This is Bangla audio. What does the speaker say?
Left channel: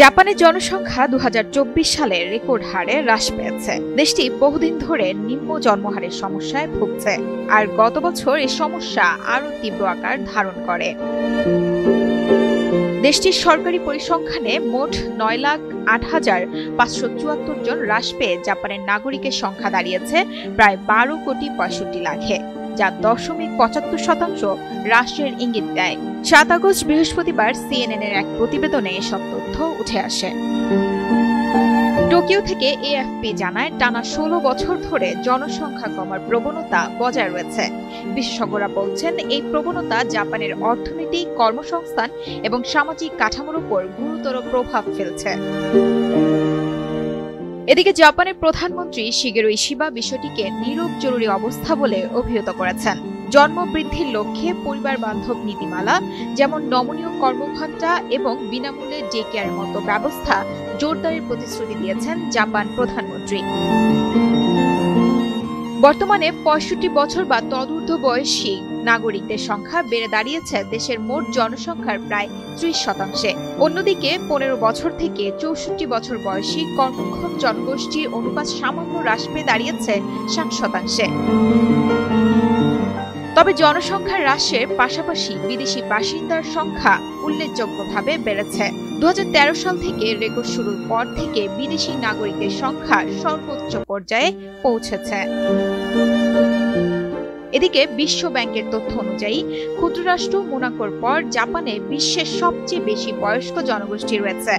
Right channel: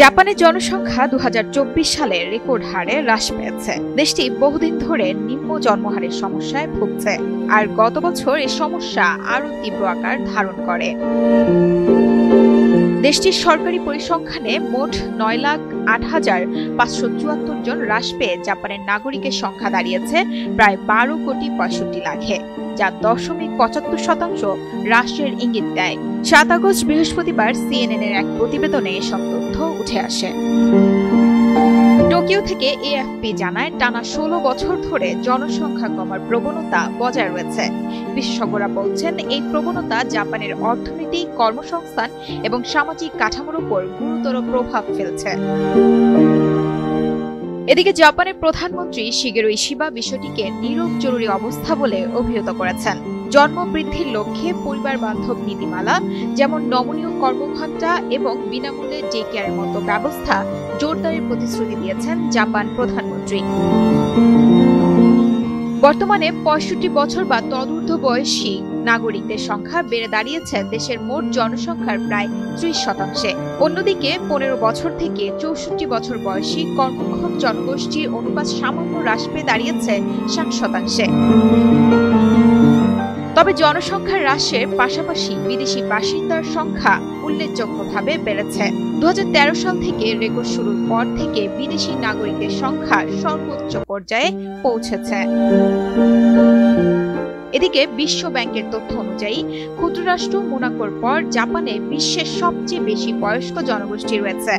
জাপানের জনসংখ্যা 2024 সালে রেকর্ড হারে হ্রাস পেয়েছে। দেশটি বহুদিন ধরে নিম্ন জন্মহারের সমস্যায় ভুগছে, আর গত বছর এই সমস্যা আরও তীব্র আকার ধারণ করে। দেশটির সরকারি পরিসংখ্যানে মোট 9,08,574 জন হ্রাস পেয়ে জাপানের নাগরিকের সংখ্যা দাঁড়িয়েছে প্রায় 12,65,00,000-এ, যা 0.75% হ্রাসের ইঙ্গিত দেয়। 7 আগস্ট বৃহস্পতিবার CNN-এর এক প্রতিবেদনে এসব তথ্য উঠে আসে। টোকিও থেকে AFP জানায়, টানা 16 বছর ধরে জনসংখ্যা কমার প্রবণতা বজায় রয়েছে। বিশেষজ্ঞরা বলছেন, এই প্রবণতা জাপানের অর্থনীতি, কর্মসংস্থান এবং সামাজিক কাঠামোর উপর গুরুতর প্রভাব ফেলছে। এদিকে জাপানের প্রধানমন্ত্রী শিগেরো ইশিবা বিষয়টিকে নীরব জরুরি অবস্থা বলে অভিহিত করেছেন। জন্ম বৃদ্ধির লক্ষ্যে পরিবার বান্ধব নীতিমালা, যেমন নমনীয় কর্মঘণ্টা এবং বিনামূল্যে ডে কেয়ারের মতো ব্যবস্থা জোরদারের প্রতিশ্রুতি দিয়েছেন জাপান প্রধানমন্ত্রী। বর্তমানে 65 বছর বা তদূর্ধ্ব বয়সী নাগরিকদের সংখ্যা বেড়ে দাঁড়িয়েছে দেশের মোট জনসংখ্যার প্রায় 30%। অন্যদিকে 15 বছর থেকে 64 বছর বয়সী কর্মক্ষম জনগোষ্ঠীর অনুপাত সামান্য হ্রাস পেয়ে দাঁড়িয়েছে 60%। তবে জনসংখ্যার হ্রাসের পাশাপাশি বিদেশি বাসিন্দার সংখ্যা উল্লেখযোগ্যভাবে বেড়েছে। 2013 সাল থেকে রেকর্ড শুরুর পর থেকে বিদেশি নাগরিকদের সংখ্যা সর্বোচ্চ পর্যায়ে পৌঁছেছে। এদিকে বিশ্ব ব্যাংকের তথ্য অনুযায়ী ক্ষুদ্ররাষ্ট্র মোনাকোর পর জাপানে বিশ্বের সবচেয়ে বেশি বয়স্ক জনগোষ্ঠী রয়েছে।